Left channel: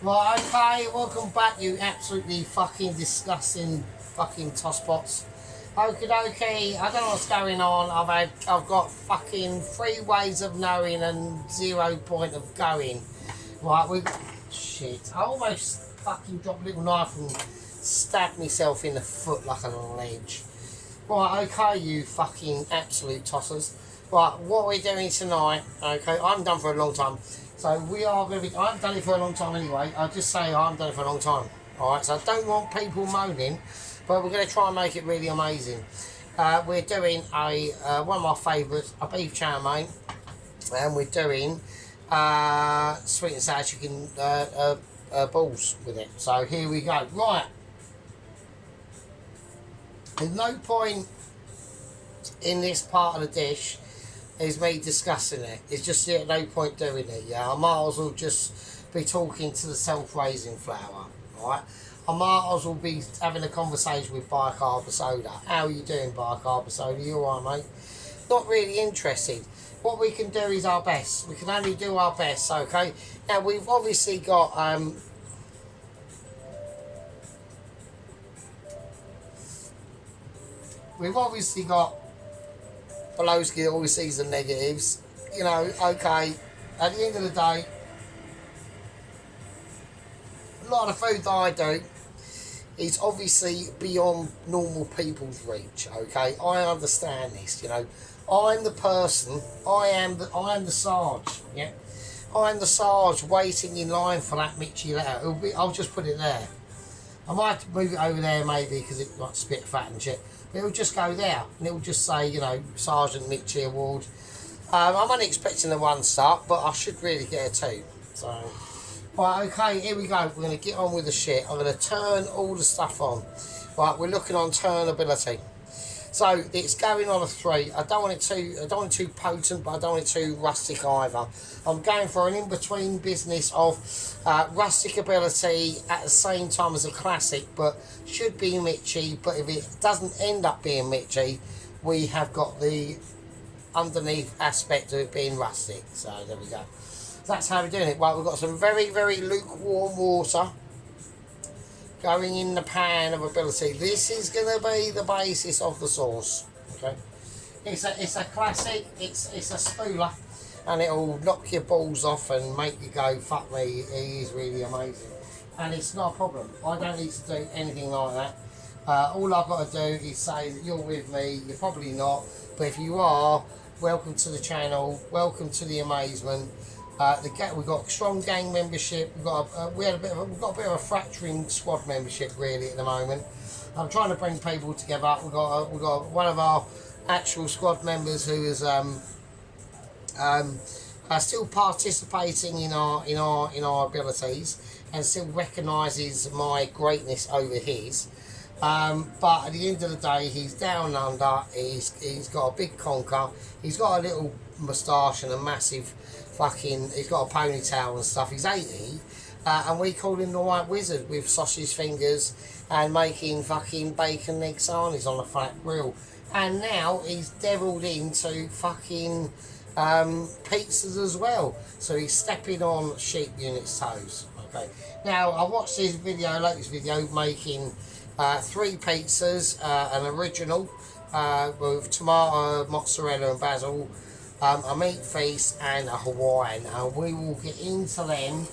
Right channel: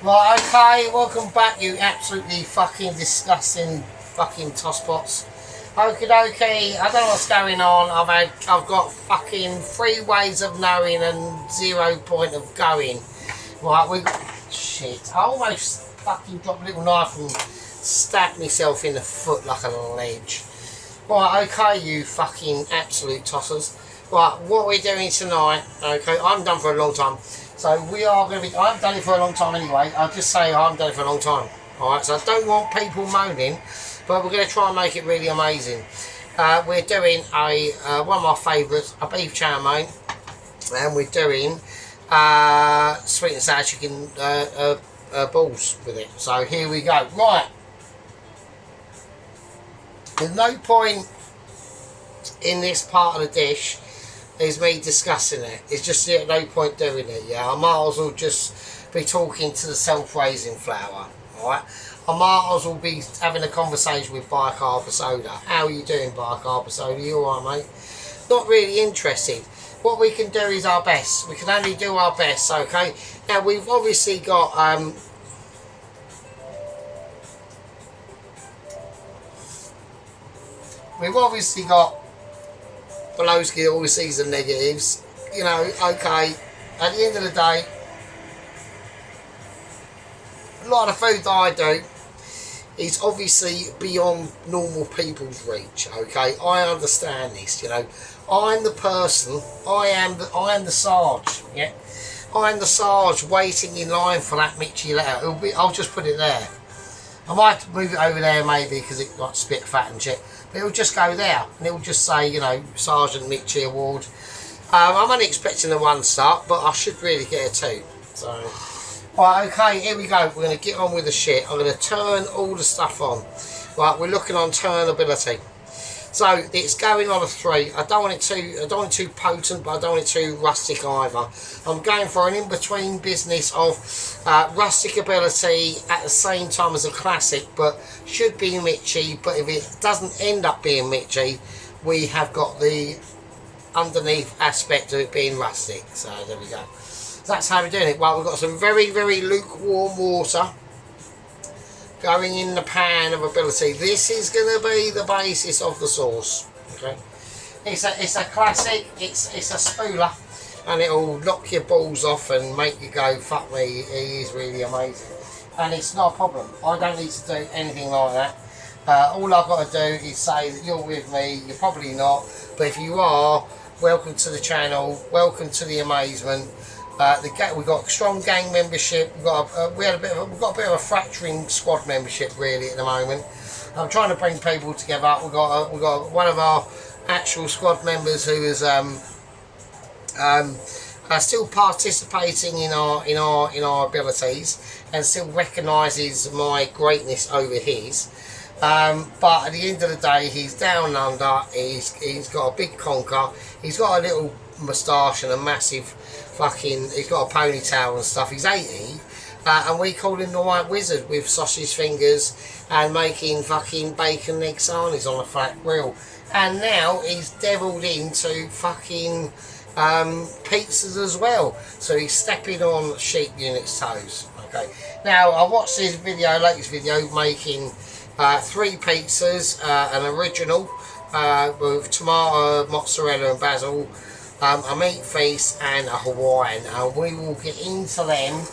Right, okay, welcome back, you absolutely fucking disgusting fucking tosspots. Okie dokie, I don't know what's going on. I've got fucking 3 ways of knowing and 0 point of going. Right, we got shit. I almost fucking dropped a little knife and stabbed myself in the foot like a ledge. Right, okay, you fucking absolute tossers. Right, what we're doing tonight, okay, I'm done for a long time. So we are going to be, I've done it for a long time anyway. I'll just say I haven't done it for a long time. Alright, so I don't want people moaning, but we're going to try and make it really amazing. We're doing one of my favourites, a beef chow-mein, and we're doing sweet and sour chicken balls with it. So here we go. Right. There's no point in this part of the dish is me discussing it. It's just no point doing it. Yeah, I might as well just be talking to the self-raising flour. Alright, I might as well be having a conversation with Bicarb Soda. How are you doing, Bicarb Soda? You alright, mate? Not really interested. What we can do is our best. We can only do our best. Okay. Now we've obviously got Belowski always sees the negatives. You know, okay, at the end of the day, a lot of the food that I do is obviously beyond normal people's reach, okay? I understand this, you know. I'm the person, I am the Sarge, yeah? I am the Sarge waiting in line for that Mitchie letter. I'll just put it there. I might move it over there maybe because it got spit fat and shit. But it'll just go there and it'll just say, you know, Sergeant Mitchie Award. I'm only expecting a 1 star, but I should really get a 2. So, right, okay, here we go. We're going to get on with the shit. I'm going to turn all the stuff on. Right, we're looking on turnability. So it's going on a 3. I don't want it too potent, but I don't want it too rustic either. I'm going for an in-between business of rustic ability at the same time as a classic, but should be Mitchie. But if it doesn't end up being Mitchie, we have got the underneath aspect of it being rustic. So there we go. So that's how we're doing it. Well, we've got some very, very lukewarm water going in the pan of ability. This is going to be the basis of the sauce. Okay, it's a classic. It's a spooler, and it'll knock your balls off and make you go, fuck me. He is really amazing, and it's not a problem. I don't need to do anything like that. All I've got to do is say that you're with me. You're probably not, but if you are, welcome to the channel. Welcome to the amazement. We've got strong gang membership. We've got a bit of a fracturing squad membership really at the moment. I'm trying to bring people together. We've got one of our actual squad members who is still participating in our abilities and still recognises my greatness over his. But at the end of the day, he's down under. He's got a big conker. He's got a little moustache and a massive he's got a ponytail and stuff. He's 80, and we call him the White Wizard with sausage fingers and making fucking bacon egg sarnies on a flat grill. And now he's devilled into fucking pizzas as well. So he's stepping on sheep unit's toes. Okay. Now I watched his latest video making 3 pizzas, an original with tomato, mozzarella and basil, a meat feast and a Hawaiian, and we will get into them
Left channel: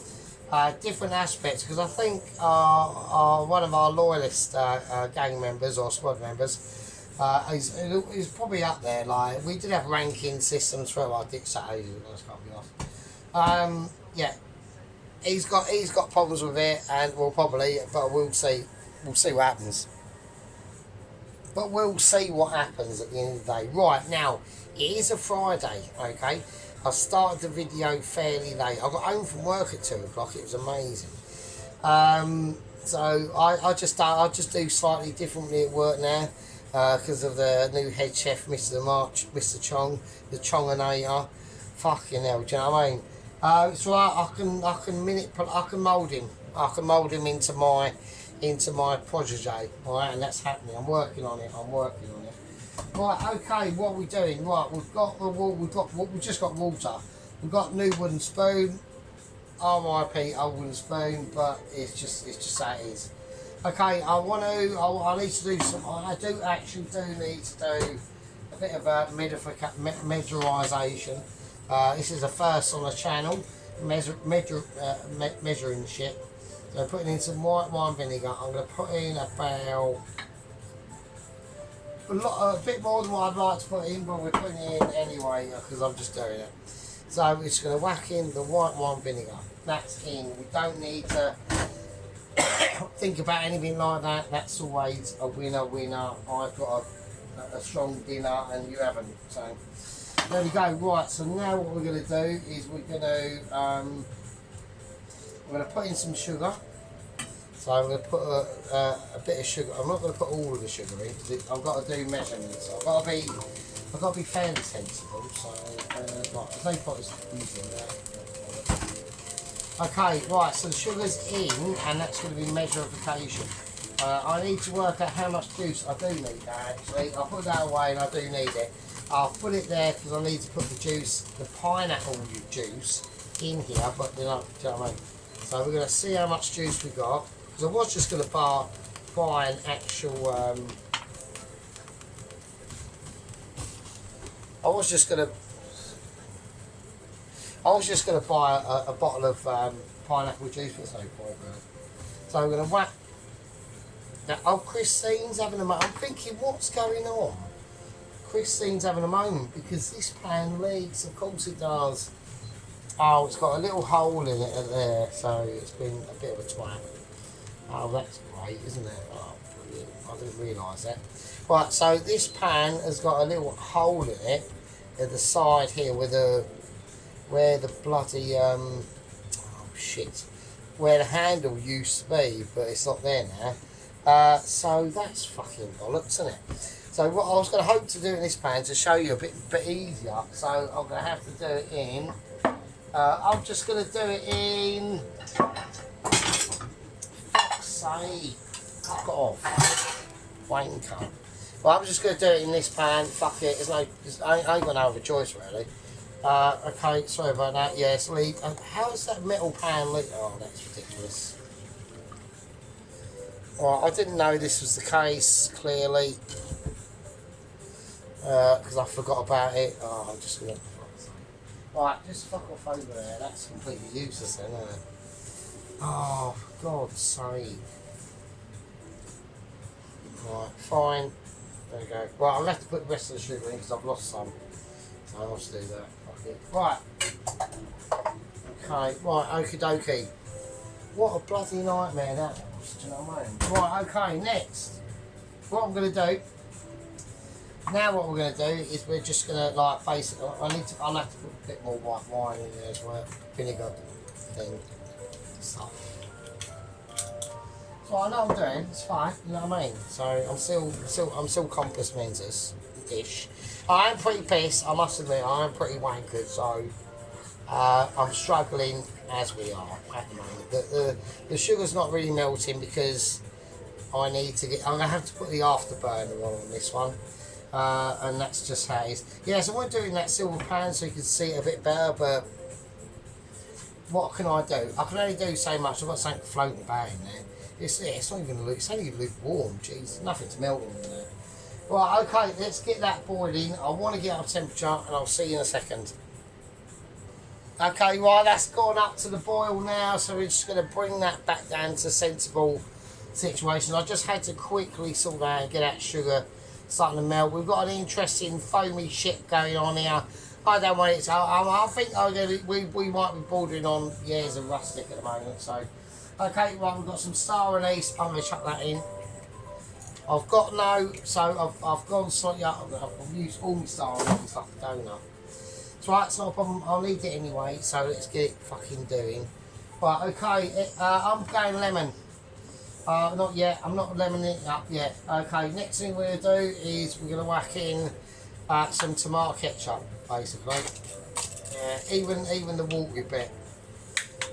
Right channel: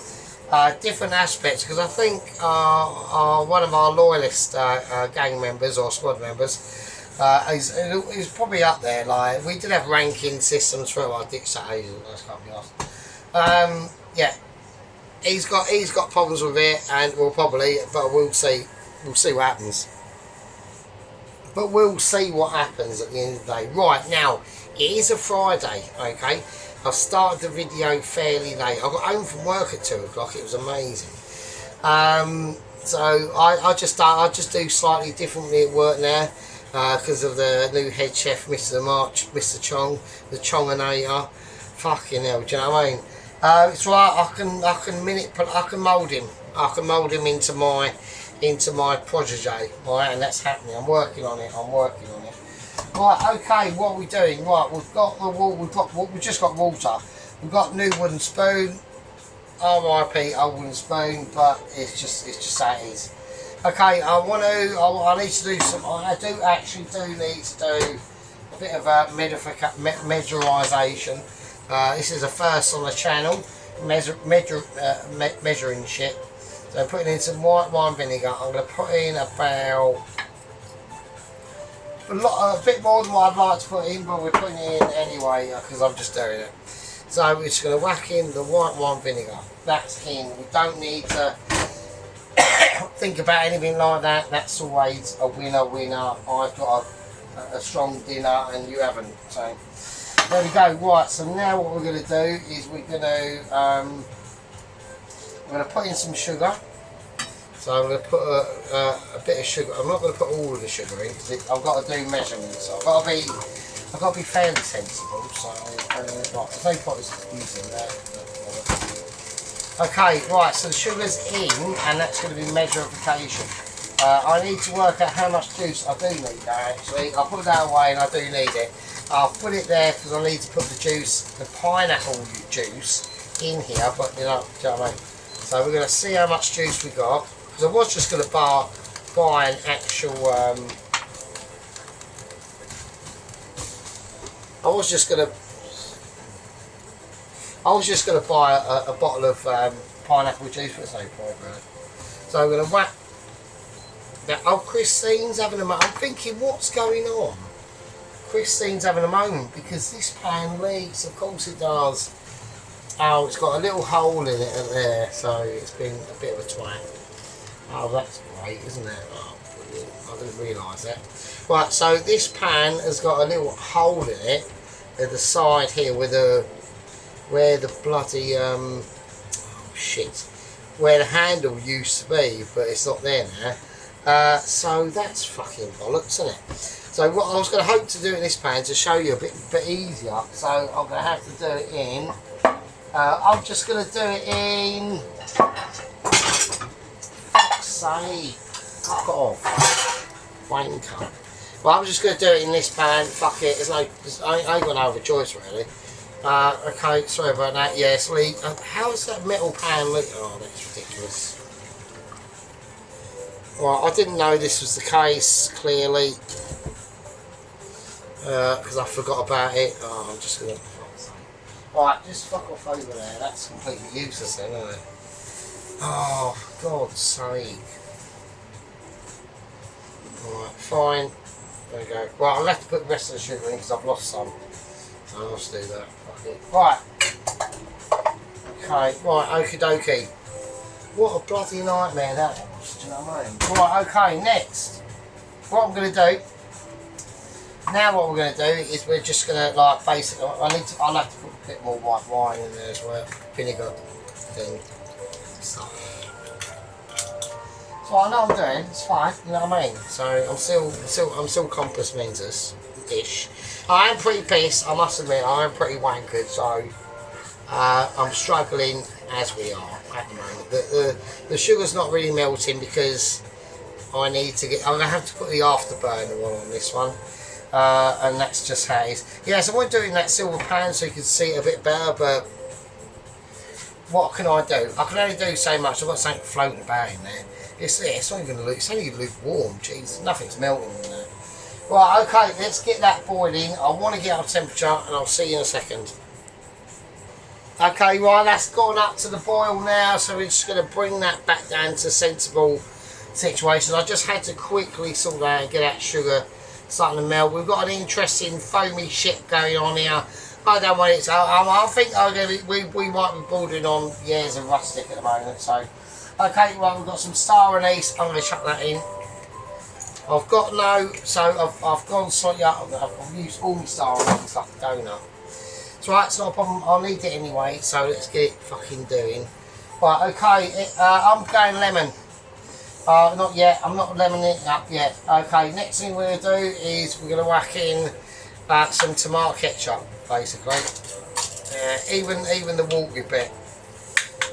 different aspects because I think one of our loyalist gang members or squad members is probably up there. Like, we did have ranking systems for our dictators, those can't be asked. Yeah, he's got problems with it, and but we'll see what happens. But we'll see what happens at the end of the day. Right, now, it is a Friday, okay? I started the video fairly late. I got home from work at 2 o'clock. It was amazing. So I just do slightly differently at work now because of the new head chef, Mr. March, Mr. Chong, the Chonginator. Fucking hell, do you know what I mean? It's right. I can mould him. I can mould him into my protege, right? And that's happening. I'm working on it. Right, okay, what are we doing? Right, we've just got water. We've got new wooden spoon. R.I.P. old wooden spoon, but it's just how it is. Okay, I need to do some. I do actually need to do a bit of a measurisation. This is a first on the channel, measuring shit. So putting in some white wine vinegar. I'm going to put in about a bit more than what I'd like to put in, but we're putting it in anyway because I'm just doing it. So we're just going to whack in the white wine vinegar. That's in. We don't need to think about anything like that. That's always a winner. I've got a strong dinner and you haven't. So there we go. Right. So now what we're going to do is we're going to put in some sugar. So I'm going to put a bit of sugar. I'm not going to put all of the sugar in because I've got to do measurements. So I've got to be fairly sensible. So right, there's no point using that. Okay, right. So the sugar's in, and that's going to be measurification. I need to work out how much juice I do need there. Actually, I'll put that away, and I do need it. I'll put it there because I need to put the pineapple juice in here. But do you know what I mean? So we're going to see how much juice we got. Because I was just going to buy an actual. I was just going to buy a bottle of pineapple juice, but there's no point really. So I'm going to whack that. Oh, Christine's having a moment. I'm thinking, what's going on? Christine's having a moment because this pan leaks. Of course it does. Oh, it's got a little hole in it there, so it's been a bit of a twat. Oh, that's great, isn't it? Oh, brilliant. I didn't realise that. Right, so this pan has got a little hole in it at the side here where the bloody where the handle used to be, but it's not there now. So that's fucking bollocks, isn't it? So what I was going to hope to do in this pan to show you a bit easier. So I'm going to have to do it in. I'm just going to do it in. Fuck's sake! Fuck off, wanker. Well, I'm just going to do it in this pan. Fuck it. I ain't got no other choice really. Okay, sorry about that. Yes, leak. How is that metal pan leak? Oh, that's ridiculous. Well, I didn't know this was the case, clearly. Because I forgot about it. Oh, I'm just going to... Right, just fuck off over there. That's completely useless then, isn't it? Oh, for God's sake. Right, fine. There we go. Right, I'll have to put the rest of the sugar in because I've lost some. So I'll just do that. Fuck it. Right. Okay, right, okie dokie. What a bloody nightmare that was, do you know what I mean? Right, okay, next. What I'm going to do, now what we're going to do is we're just going to, like, basically, I'll have to put a bit more white wine in there as well. Vinegar thing. Stuff. So I know what I'm doing, it's fine, you know what I mean? So I'm still compos mentis-ish. I am pretty pissed, I must admit, I am pretty wankered, so I'm struggling as we are at the moment. The sugar's not really melting because I'm gonna have to put the afterburner on this one. And that's just how it is. Yeah, so I'm doing that silver pan so you can see it a bit better, but what can I do? I can only do so much. I've got something floating about in there. It's not even it's only lukewarm. Jeez, nothing's melting in there. Right, okay, let's get that boiling. I want to get up temperature, and I'll see you in a second. Okay, right, that's gone up to the boil now, so we're just going to bring that back down to sensible situation. I just had to quickly sort out and get that sugar starting to melt. We've got an interesting foamy shit going on here. I don't want it to. I think we might be bordering on years of rustic at the moment. So, okay, well we've got some star anise. I'm going to chuck that in. I've got no, so I've gone slightly up. I've used all my star anise like a donut. It's right, it's not a problem. I'll need it anyway. So let's get it fucking doing. Right, okay. I'm going lemon. Not yet. I'm not lemoning it up yet. Okay, next thing we're going to do is we're going to whack in some tomato ketchup, basically. Even the watery bit.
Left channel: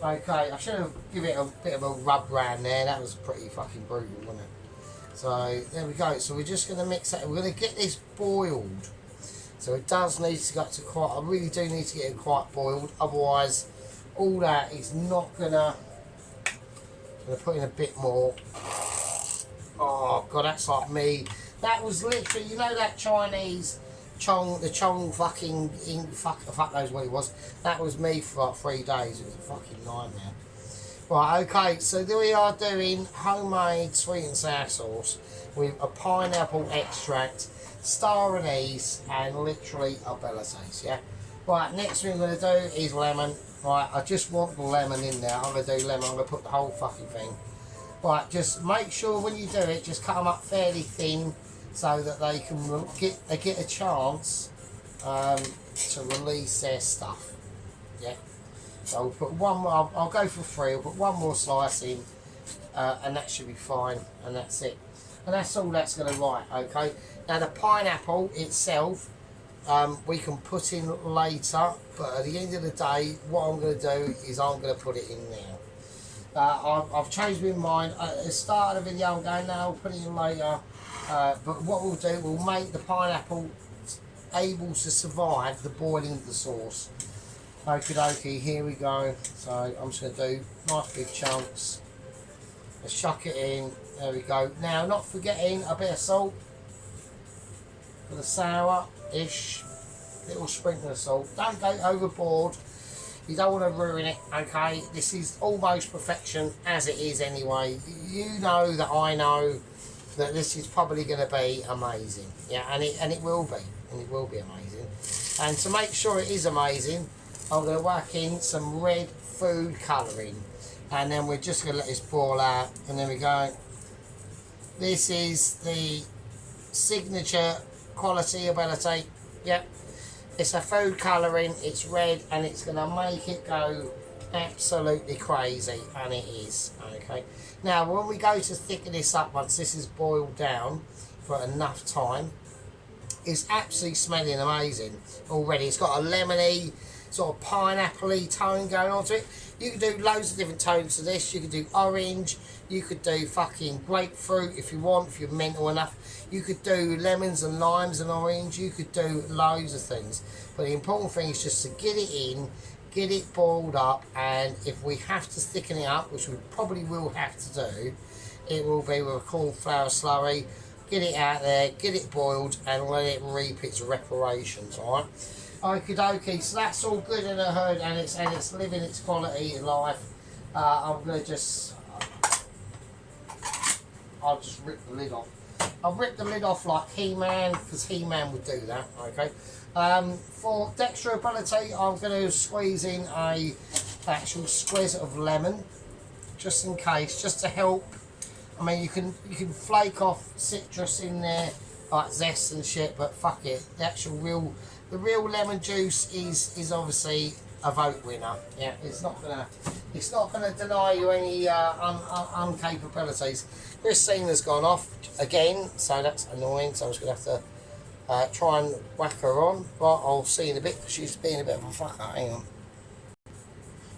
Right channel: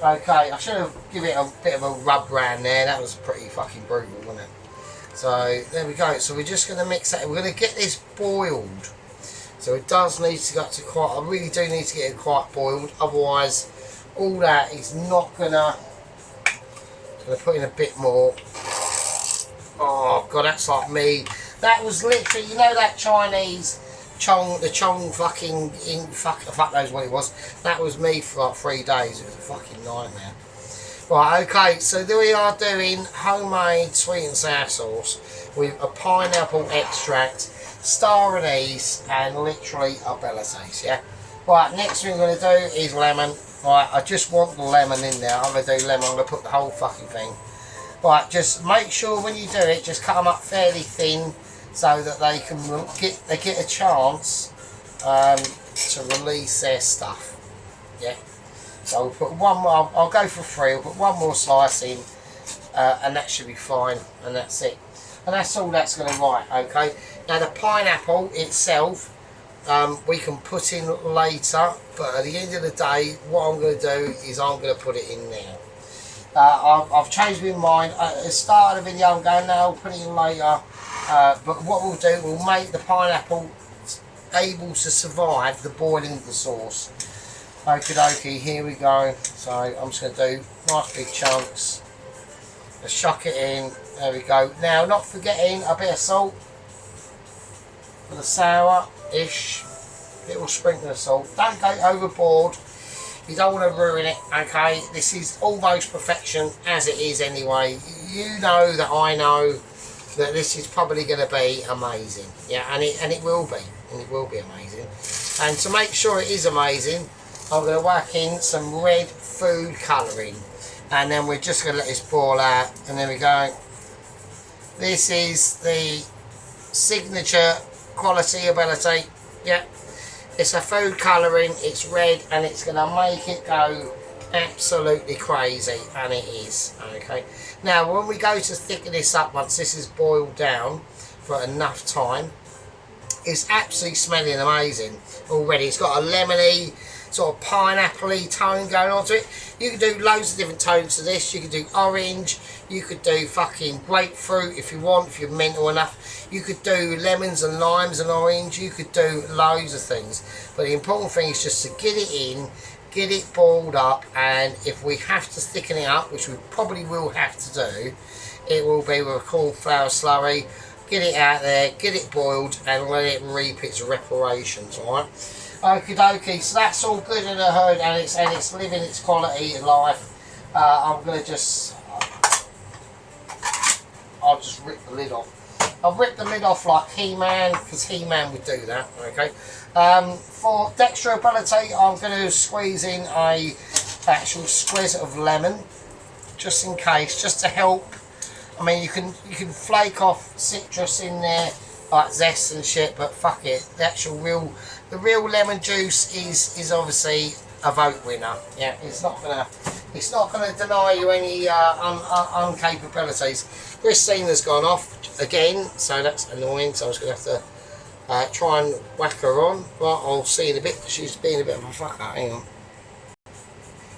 Okay, I should have given it a bit of a rub round there. That was pretty fucking brutal, wasn't it? So there we go. So we're just going to mix that. We're going to get this boiled. So it does need to go up to quite. I really do need to get it quite boiled. Otherwise, all that is not gonna put in a bit more. Oh god, that's like me. That was literally, you know, that Chinese the Chong fucking fuck knows what it was. That was me for like 3 days. It was a fucking nightmare. Right, okay, so we are doing homemade sweet and sour sauce with a pineapple extract, star anise, and literally a abilities, yeah? Right, next thing I'm going to do is lemon. Right, I just want the lemon in there. I'm going to do lemon, I'm going to put the whole fucking thing. Right, just make sure when you do it, just cut them up fairly thin so that they can get a chance to release their stuff, yeah? So I'll put one more, I'll go for 3, I'll put one more slice in, and that should be fine, and that's it. And that's all that's going to write, okay? Now the pineapple itself, we can put in later, but at the end of the day, what I'm going to do is I'm going to put it in now. I've changed my mind. At the start of the video, I'm going, no, I'll put it in later. But what we'll do, we'll make the pineapple able to survive the boiling of the sauce. Okie dokie, here we go. So I'm just going to do nice big chunks. Let's chuck it in. There we go. Now, not forgetting a bit of salt for the sour-ish. Little sprinkle of salt. Don't go overboard. You don't want to ruin it, okay? This is almost perfection as it is anyway. You know that I know that this is probably going to be amazing. Yeah, and it will be. And it will be amazing. And to make sure it is amazing, I'm going to whack in some red food colouring, and then we're just going to let this boil out, and there we go. This is the signature quality ability. Yeah, it's a food colouring, it's red, and it's going to make it go absolutely crazy, and it is. Okay, now when we go to thicken this up, once this is boiled down for enough time, it's absolutely smelling amazing already. It's got a lemony sort of pineapple-y tone going on to it. You can do loads of different tones to this. You could do orange, you could do fucking grapefruit if you want, if you're mental enough. You could do lemons and limes and orange. You could do loads of things. But the important thing is just to get it in, get it boiled up, and if we have to thicken it up, which we probably will have to do, it will be with a cornflour slurry. Get it out there, get it boiled, and let it reap its reparations, alright? Okie dokie, so that's all good in the hood, and it's living its quality of life. I'm gonna I'll just rip the lid off. I'll rip the lid off like He-Man, because He-Man would do that. Okay. For dexterability, I'm gonna squeeze in a actual squeeze of lemon, just in case, just to help. I mean, you can flake off citrus in there, like zest and shit, but fuck it. The real lemon juice is obviously a vote winner. Yeah, it's not gonna deny you any uncapabilities. Christina's gone off again, so that's annoying. So I was gonna have to try and whack her on. Right, I'll see in a bit. She's being a bit of a fucker. Hang on.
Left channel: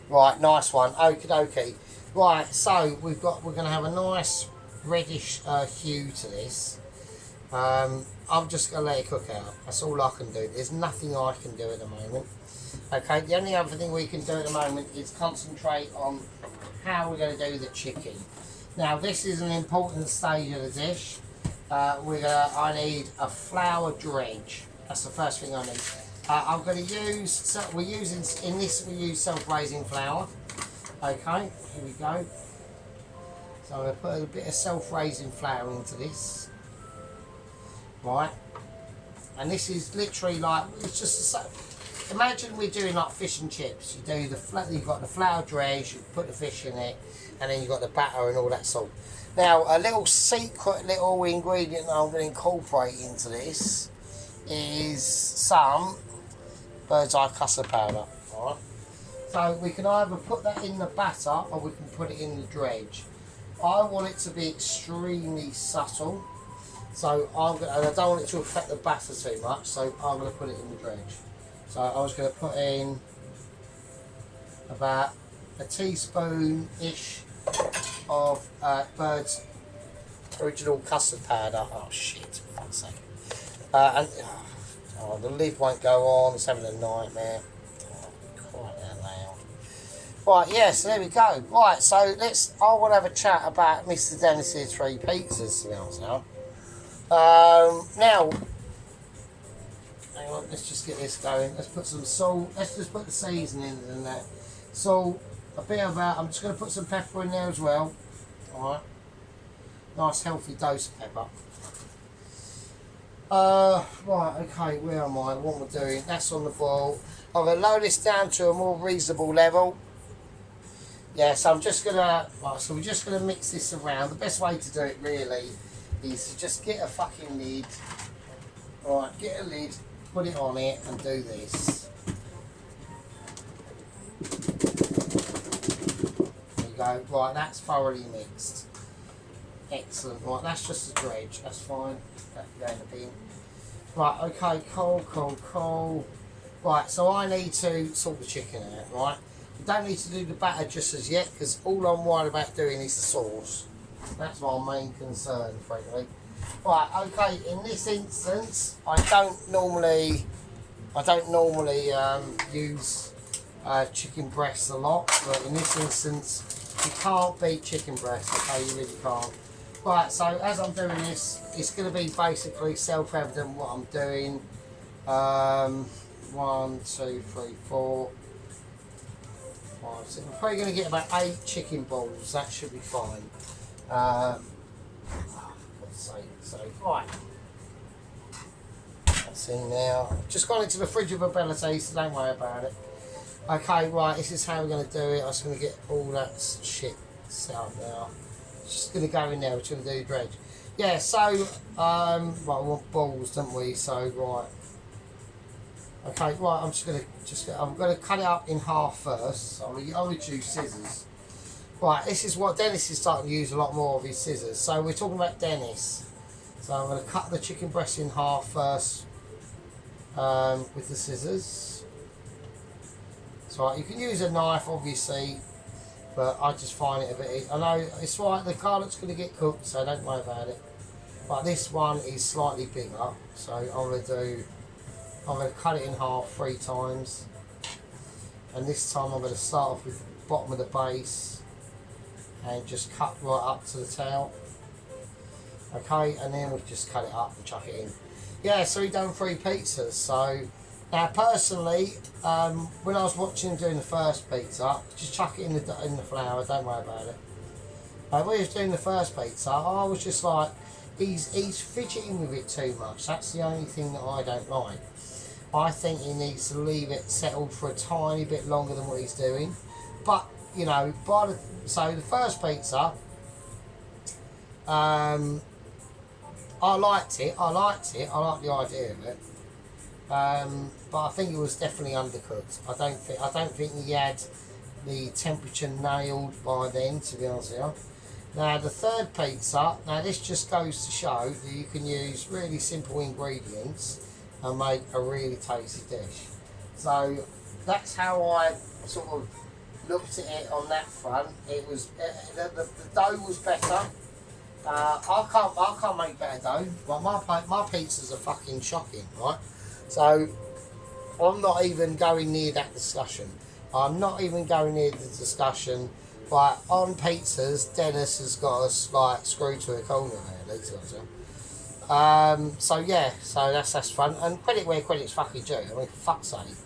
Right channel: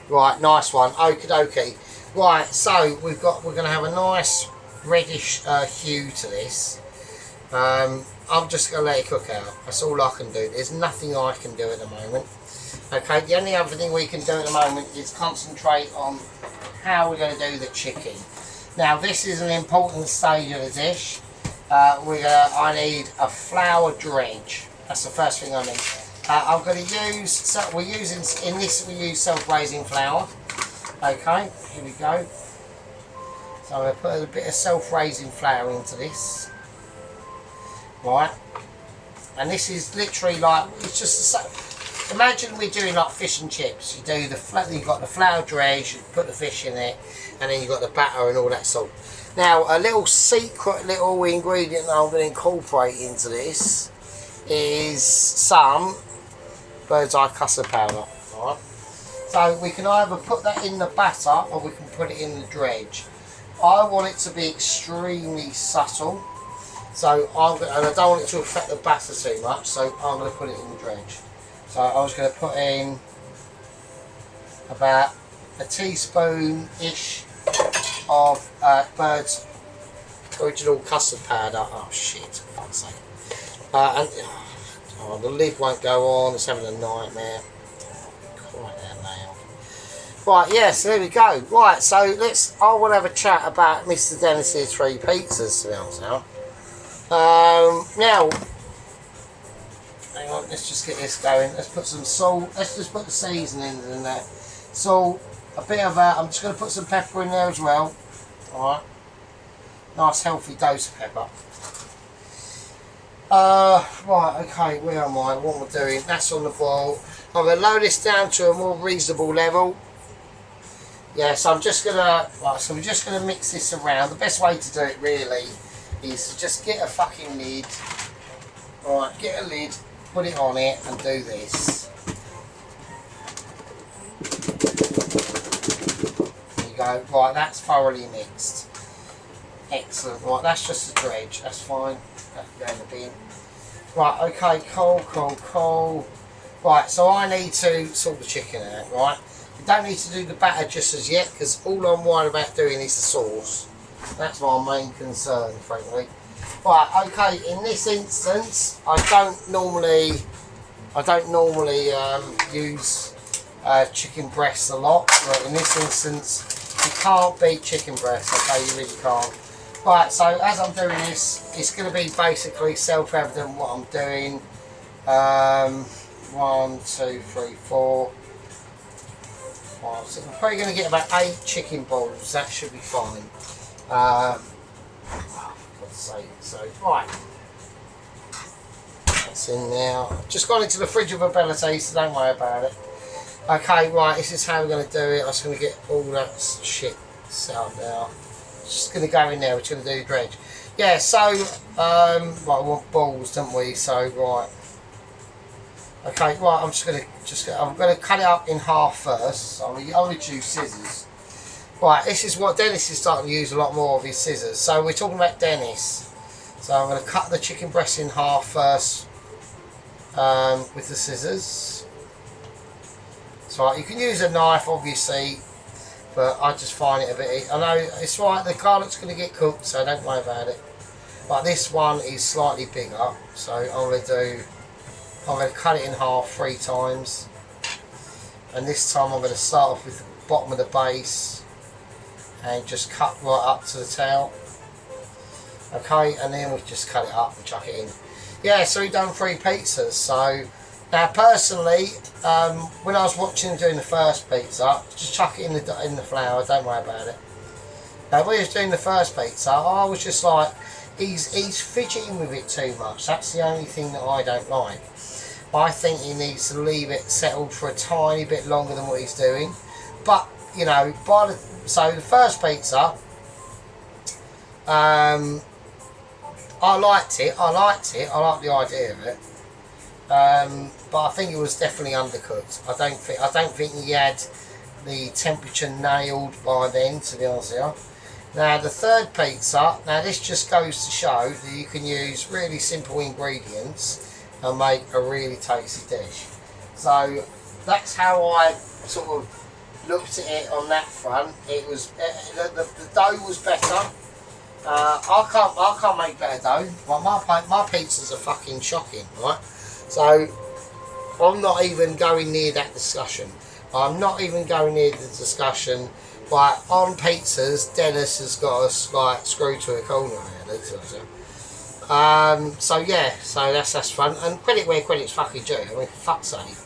Right, nice one. Okie dokie. Right, so we're gonna have a nice reddish hue to this. I'm just going to let it cook out. That's all I can do. There's nothing I can do at the moment. Okay, the only other thing we can do at the moment is concentrate on how we're going to do the chicken. Now, this is an important stage of the dish. I need a flour dredge. That's the first thing I need. I'm going to use, we use self-raising flour. Okay, here we go. So I'm going to put a bit of self-raising flour into this. Right, and this is literally like, it's just imagine we're doing like fish and chips. You do you've got the flour dredge, you put the fish in it, and then you've got the batter and all that salt. Now, a little secret little ingredient I'm going to incorporate into this is some bird's eye custard powder. Right, so we can either put that in the batter or we can put it in the dredge. I want it to be extremely subtle. So and I don't want it to affect the batter too much, so I'm going to put it in the dredge. So I was going to put in about a teaspoon-ish of Bird's original custard powder. Oh shit, for fuck's sake. And the lid won't go on, it's having a nightmare. Quite that loud. Right, yes, there we go. Right, so I want to have a chat about Mr. Dennis's 3 pizzas, to be honest now. Now, hang on, let's just get this going. Let's put some salt, let's just put the seasonings in there. Salt, a bit of I'm just going to put some pepper in there as well. Alright, nice healthy dose of pepper. Right, okay, where am I? What am I doing? That's on the boil. I'm going to lower this down to a more reasonable level. Yeah, so I'm just gonna mix this around. The best way to do it really is to just get a fucking lid. Right, get a lid, put it on it, and do this. There you go. Right, that's thoroughly mixed. Excellent. Right, that's just a dredge. That's fine. That can go in the bin. Right, okay, cool. Right, so I need to sort the chicken out, right? You don't need to do the batter just as yet, because all I'm worried about doing is the sauce. That's my main concern, frankly. Right, okay, in this instance, I don't normally use chicken breasts a lot. But in this instance, you can't beat chicken breasts, okay, you really can't. Right, so as I'm doing this, it's going to be basically self-evident what I'm doing. 1, 2, 3, 4, 5, 6. I'm probably going to get about 8 chicken balls. That should be fine. For God's sake. So, right. That's in now. I've just gone into the fridge of ability, so don't worry about it. Okay, right. This is how we're going to do it. I'm just going to get all that shit set up now. Just going to go in there. We're going to do dredge. Yeah. So, right. We want balls, don't we? So, right. Okay, right, I'm going to cut it up in half first. So I'm going to use scissors. Right, this is what Dennis is starting to use a lot more of his scissors. So we're talking about Dennis. So I'm going to cut the chicken breast in half first with the scissors. So you can use a knife, obviously, but I just find it a bit... I know it's right, the garlic's going to get cooked, so don't worry about it. But this one is slightly bigger, so I'm going to cut it in half 3 times, and this time I'm going to start off with the bottom of the base and just cut right up to the tail. Okay, and then we just cut it up and chuck it in. Yeah, so we've done 3 pizzas. So now personally, when I was watching him doing the first pizza, just chuck it in the flour, don't worry about it. Now when he was doing the first pizza, I was just like, he's fidgeting with it too much. That's the only thing that I don't like. I think he needs to leave it settled for a tiny bit longer than what he's doing. But, you know, so the first pizza, I liked it. I liked the idea of it. But I think it was definitely undercooked. I don't think he had the temperature nailed by then, to be honest with you. Now the third pizza, now this just goes to show that you can use really simple ingredients and make a really tasty dish. So that's how I sort of looked at it on that front. It was the dough was better. I can't make better dough. Like my pizzas are fucking shocking, right? So I'm not even going near that discussion. I'm not even going near the discussion. Like on pizzas, Dennis has got us like screwed to a corner really. So yeah, so that's fun. And credit where credit's fucking due. I mean, for fuck's sake.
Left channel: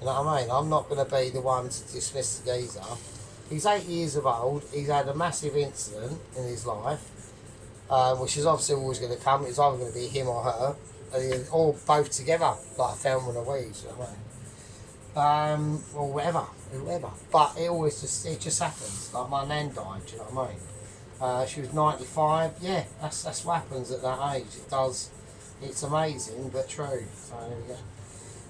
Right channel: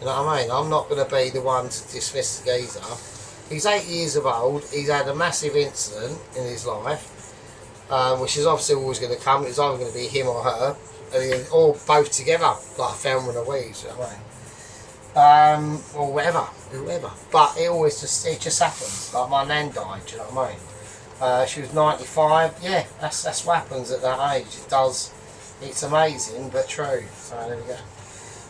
You know what I mean? I'm not going to be the one to dismiss the geezer. He's 8 years of old. He's had a massive incident in his life, which is obviously always going to come. It's either going to be him or her, or both together, like a Thelma and Louise. You know what I mean? Or whoever. But it just happens. Like my nan died. Do you know what I mean? She was 95. Yeah, that's what happens at that age. It does. It's amazing, but true. So there we go.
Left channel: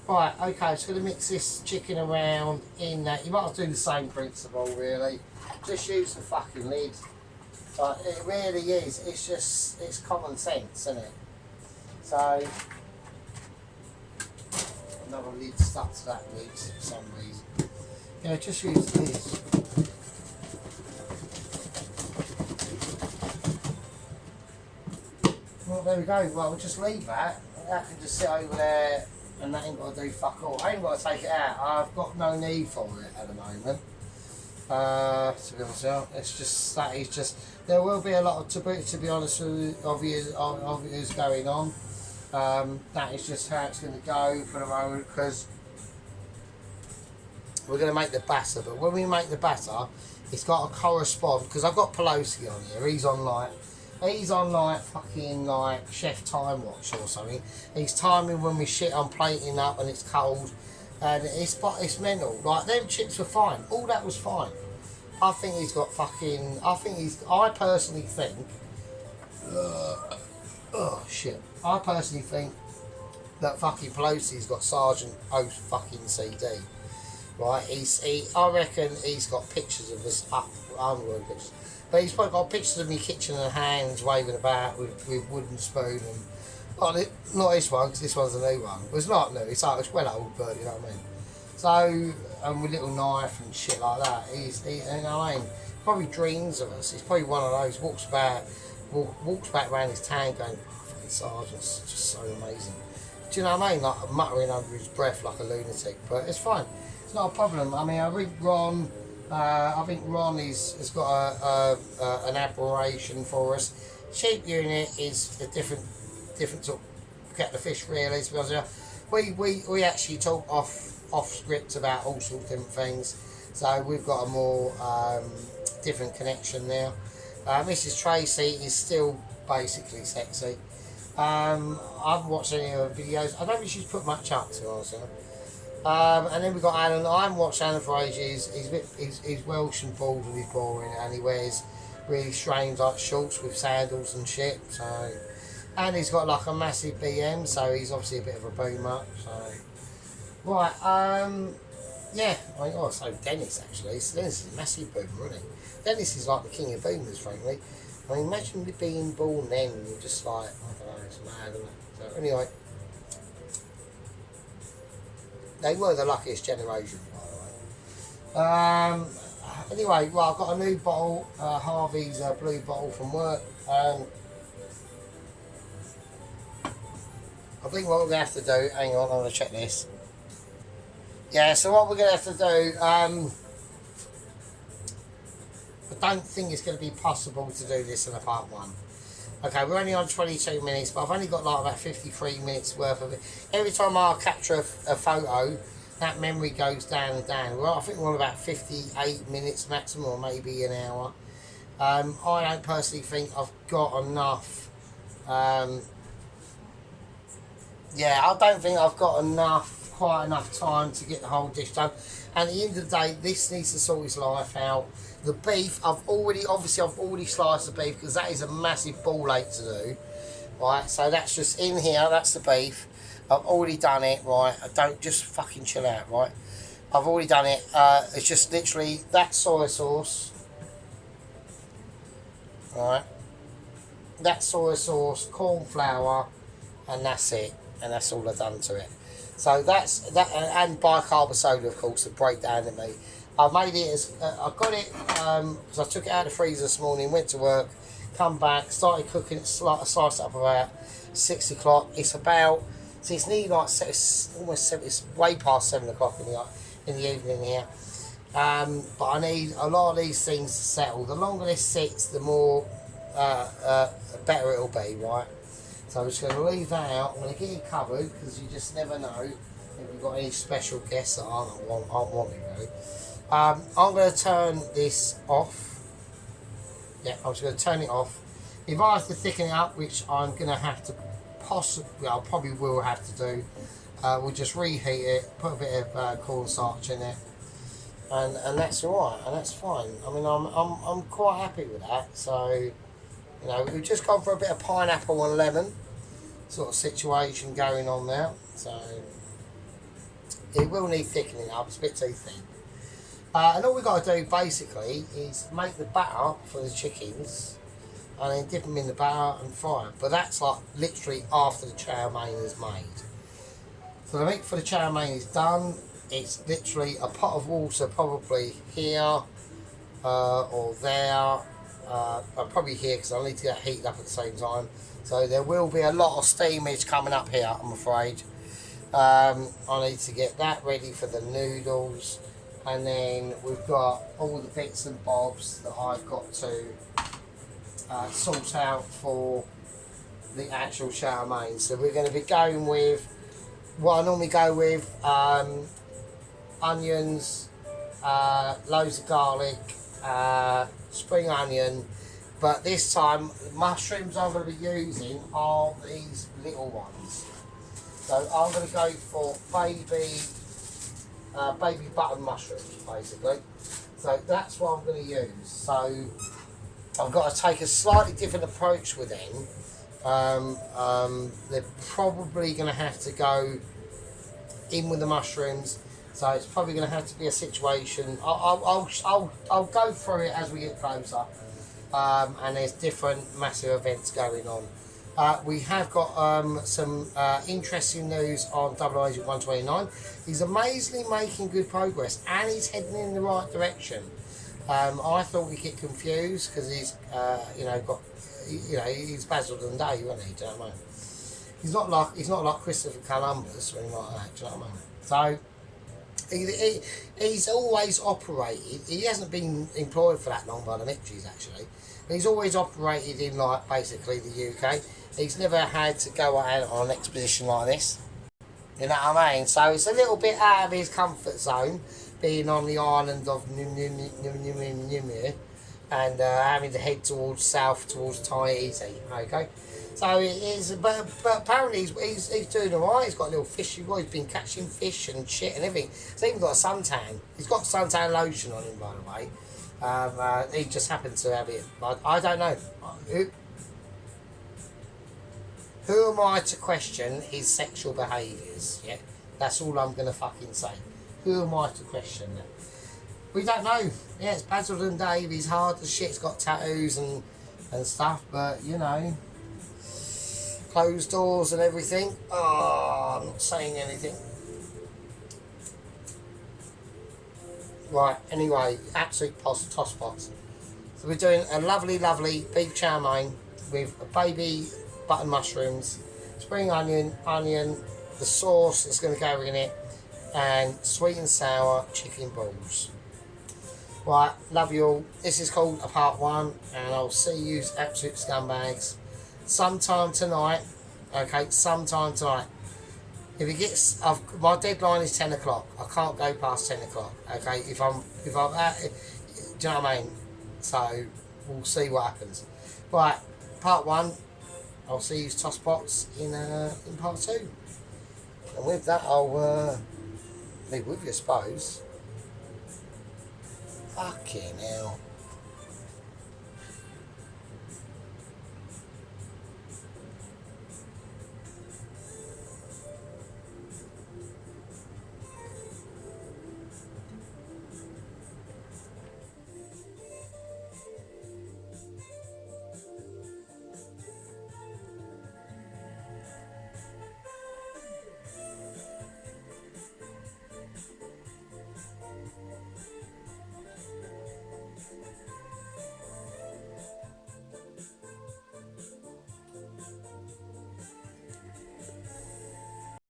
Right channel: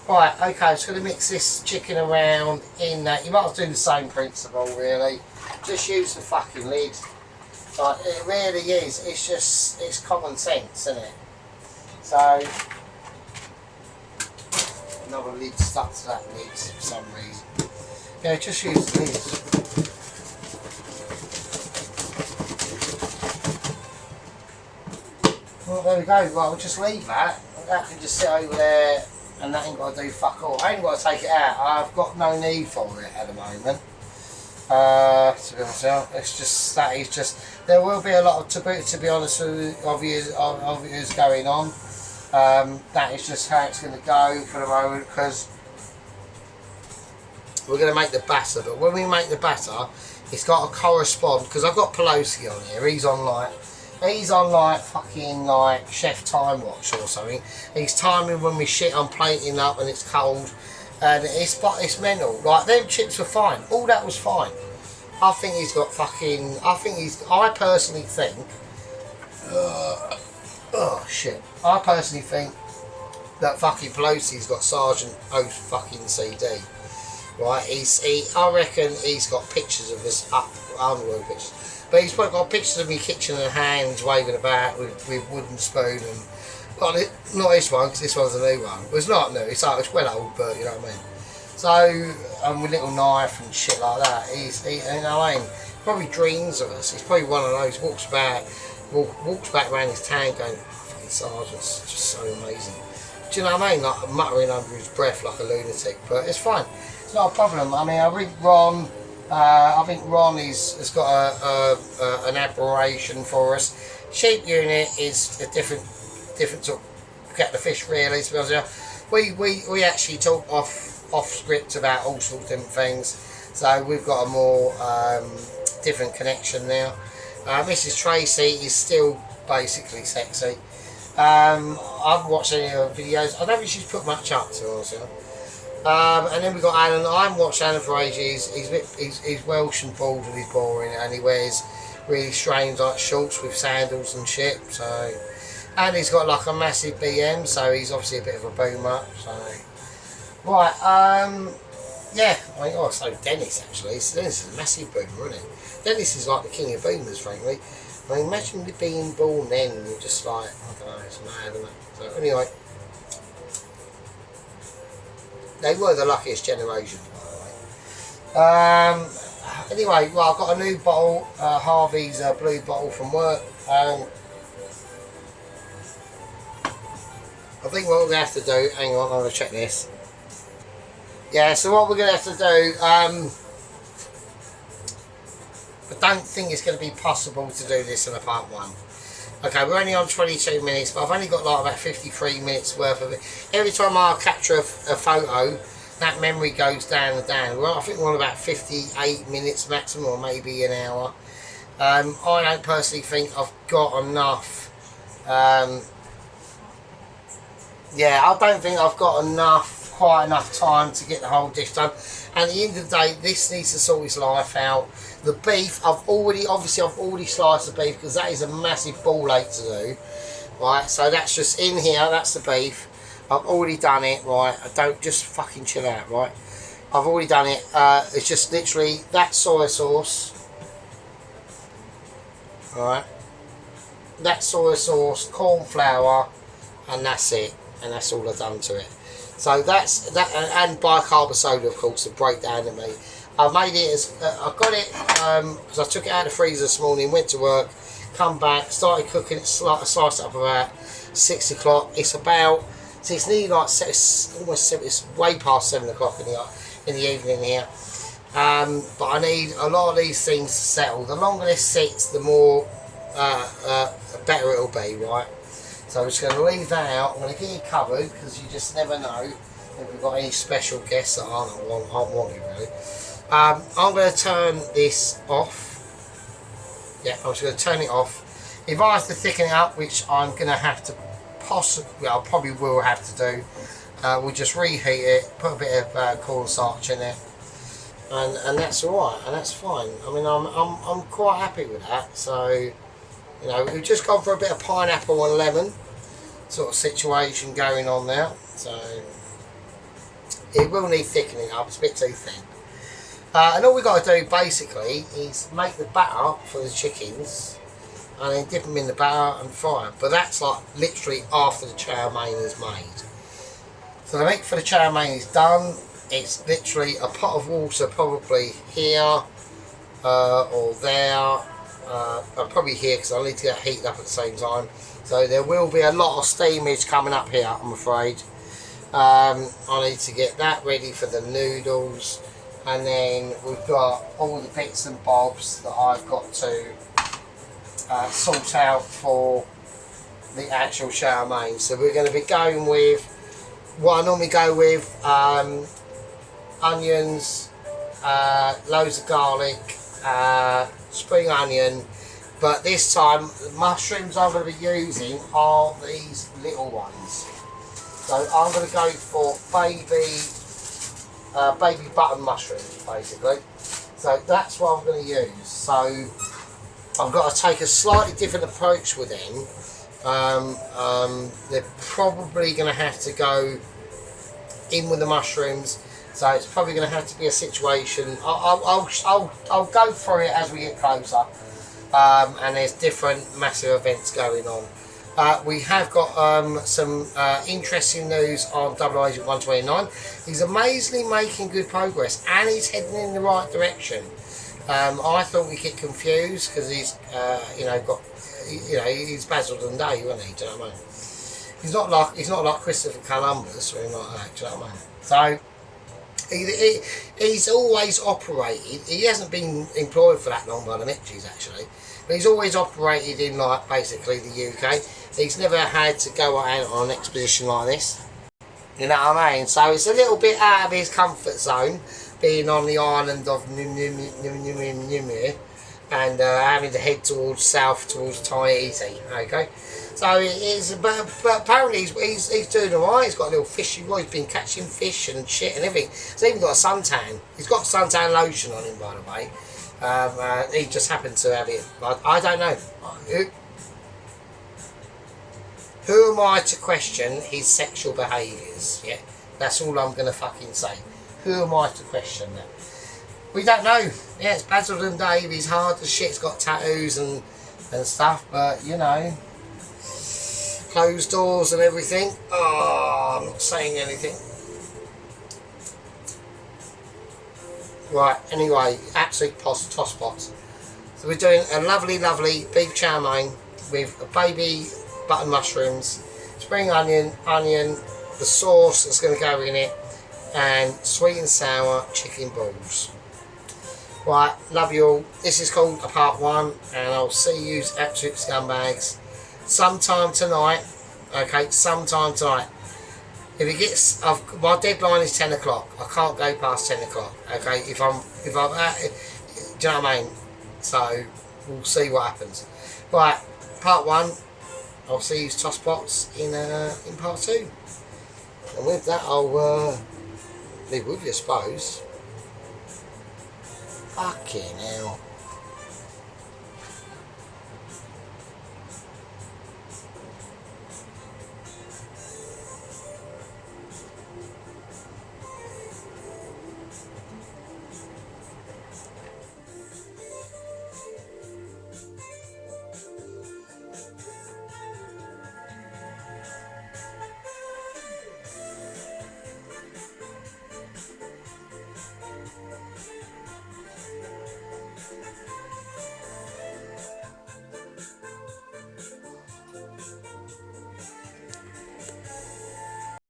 Right, okay, just going to mix this chicken around in that. You might as well do the same principle, really. Just use the fucking lid. Like, it really is. It's common sense, isn't it? So, another lid stuck to that lid for some reason. Yeah, just use the lid. Well, there we go. Right, we'll just leave that. That can just sit over there. And that ain't got to do fuck all. I ain't got to take it out. I've got no need for it at the moment. To be honest, it's just that is just there will be a lot of to be honest of you going on. That is just how it's going to go for the moment because we're going to make the batter. But when we make the batter, it's got to correspond because I've got Pelosi on here. He's on like fucking like Chef Time Watch or something. He's timing when we shit on plating up and it's cold. And it's mental. Like, them chips were fine. All that was fine. I think he's got fucking... I personally think... oh, shit. I personally think that fucking Pelosi's got Sergeant O's fucking CD. Right? I reckon he's got pictures of us up... underworld pictures. But he's probably got pictures of me kitchen and hands waving about with wooden spoon and... Not this one, because this one's a new one. Well, it's not new, it's well old, but you know what I mean. So, with little knife and shit like that, you know what I mean? Probably dreams of us. He's probably one of those, walks back around his town going, fucking Sergeant's just so amazing. Do you know what I mean? Like muttering under his breath like a lunatic, but it's fine. It's not a problem. I mean, I think Ron has got an admiration for us. Sheep unit is a different sort of get the fish really, to be honest with you. We actually talk off script about all sorts of different things, so we've got a more different connection now. Mrs. Tracy is still basically sexy. I've watched any of her videos. I don't think she's put much up to us. And then we've got Alan. I haven't watched Alan for ages. He's Welsh and bald and he's boring, and he wears really strange like shorts with sandals and shit. So. And he's got like a massive BM, so he's obviously a bit of a boomer. So, right, yeah. I mean, so Dennis actually. Dennis is a massive boomer, isn't he? Dennis is like the king of boomers, frankly. I mean, imagine being born then and you're just like, I don't know, it's mad, isn't it? So anyway, they were the luckiest generation, by the way. Anyway, well, I've got a new bottle, Harvey's blue bottle from work. I think what we're going to have to do, hang on, I'm going to check this. Yeah, so what we're going to have to do, I don't think it's going to be possible to do this in a part one. Okay, we're only on 22 minutes, but I've only got like about 53 minutes worth of it. Every time I capture a photo, that memory goes down and down. Well, I think we're on about 58 minutes maximum, or maybe an hour. I don't personally think I've got enough... yeah, I don't think I've got quite enough time to get the whole dish done. And at the end of the day, this needs to sort his life out. The beef, I've already sliced the beef because that is a massive ball ache to do. Right, so that's just in here, that's the beef. I've already done it, right? I don't just fucking chill out, right? I've already done it. It's just literally that soy sauce. Right. That soy sauce, corn flour, and that's it. And that's all I've done to it. So that's that, and bicarb soda, of course, to break down to me. I made it as I got it because I took it out of the freezer this morning, went to work, come back, started cooking it, sliced it up about 6 o'clock. It's about, so it's nearly like it's way past 7 o'clock in the evening here. But I need a lot of these things to settle. The longer this sits, the more better it'll be, right? So I'm just going to leave that out. I'm going to get it covered because you just never know if we've got any special guests that aren't wanted really. I'm going to turn this off. Yeah, I'm just going to turn it off. If I have to thicken it up, which I'm going to have to I probably will have to do, we'll just reheat it, put a bit of cornstarch in it, and that's all right, and that's fine. I mean, I'm quite happy with that. So, you know, we've just gone for a bit of pineapple and lemon sort of situation going on now. So it will need thickening up. It's a bit too thin. And all we've got to do basically is make the batter for the chickens and then dip them in the batter and fry them. But that's like literally after the chow mein is made. So the meat for the chow mein is done. It's literally a pot of water, probably here or there. I'm probably here because I need to get heated up at the same time. So there will be a lot of steamage coming up here, I'm afraid. I need to get that ready for the noodles. and then we've got all the bits and bobs that I've got to sort out for the actual Chow-Mein. So we're going to be going with what I normally go with: onions, loads of garlic, spring onion. But this time, the mushrooms I'm going to be using are these little ones. So I'm going to go for baby button mushrooms, basically. So that's what I'm going to use. So I've got to take a slightly different approach with them. They're probably going to have to go in with the mushrooms. So it's probably going to have to be a situation. I'll go through it as we get closer. And there's different massive events going on. We have got some interesting news on Double Agent 129. He's amazingly making good progress and he's heading in the right direction. I thought we'd get confused because he's he's Basil Dundee, wasn't he? Do you know what I mean? He's not like Christopher Columbus or anything like that. Do you know what I mean? So he's always operated. He hasn't been employed for that long by the Mitchies actually, but he's always operated in like basically the UK. He's never had to go out on an expedition like this. You know what I mean? So it's a little bit out of his comfort zone, being on the island of Nimir and having to head towards south towards Tahiti. Okay, so it's but apparently he's doing alright. He's got a little fishy boy. He's been catching fish and shit and everything. He's even got a suntan. He's got suntan lotion on him, by the way. He just happened to have it. I don't know. Who am I to question his sexual behaviours? Yeah, that's all I'm going to fucking say. Who am I to question that? We don't know. Yeah, it's Basil and Dave. He's hard as shit. He's got tattoos and stuff, but you know, closed doors and everything. Oh, I'm not saying anything. Right. Anyway, absolute toss pots. So we're doing a lovely beef chow mein with a baby button mushrooms, spring onion, the sauce that's going to go in it, and sweet and sour chicken balls. Right, love you all. This is called a part one, and I'll see you absolute scumbags sometime tonight. Okay, sometime tonight. If it gets, my deadline is 10 o'clock. I can't go past 10 o'clock. Okay, if I'm do you know what I mean? So we'll see what happens. Right, part one. I'll see you tosspots in part two. And with that, I'll leave with you, I suppose. Fucking hell.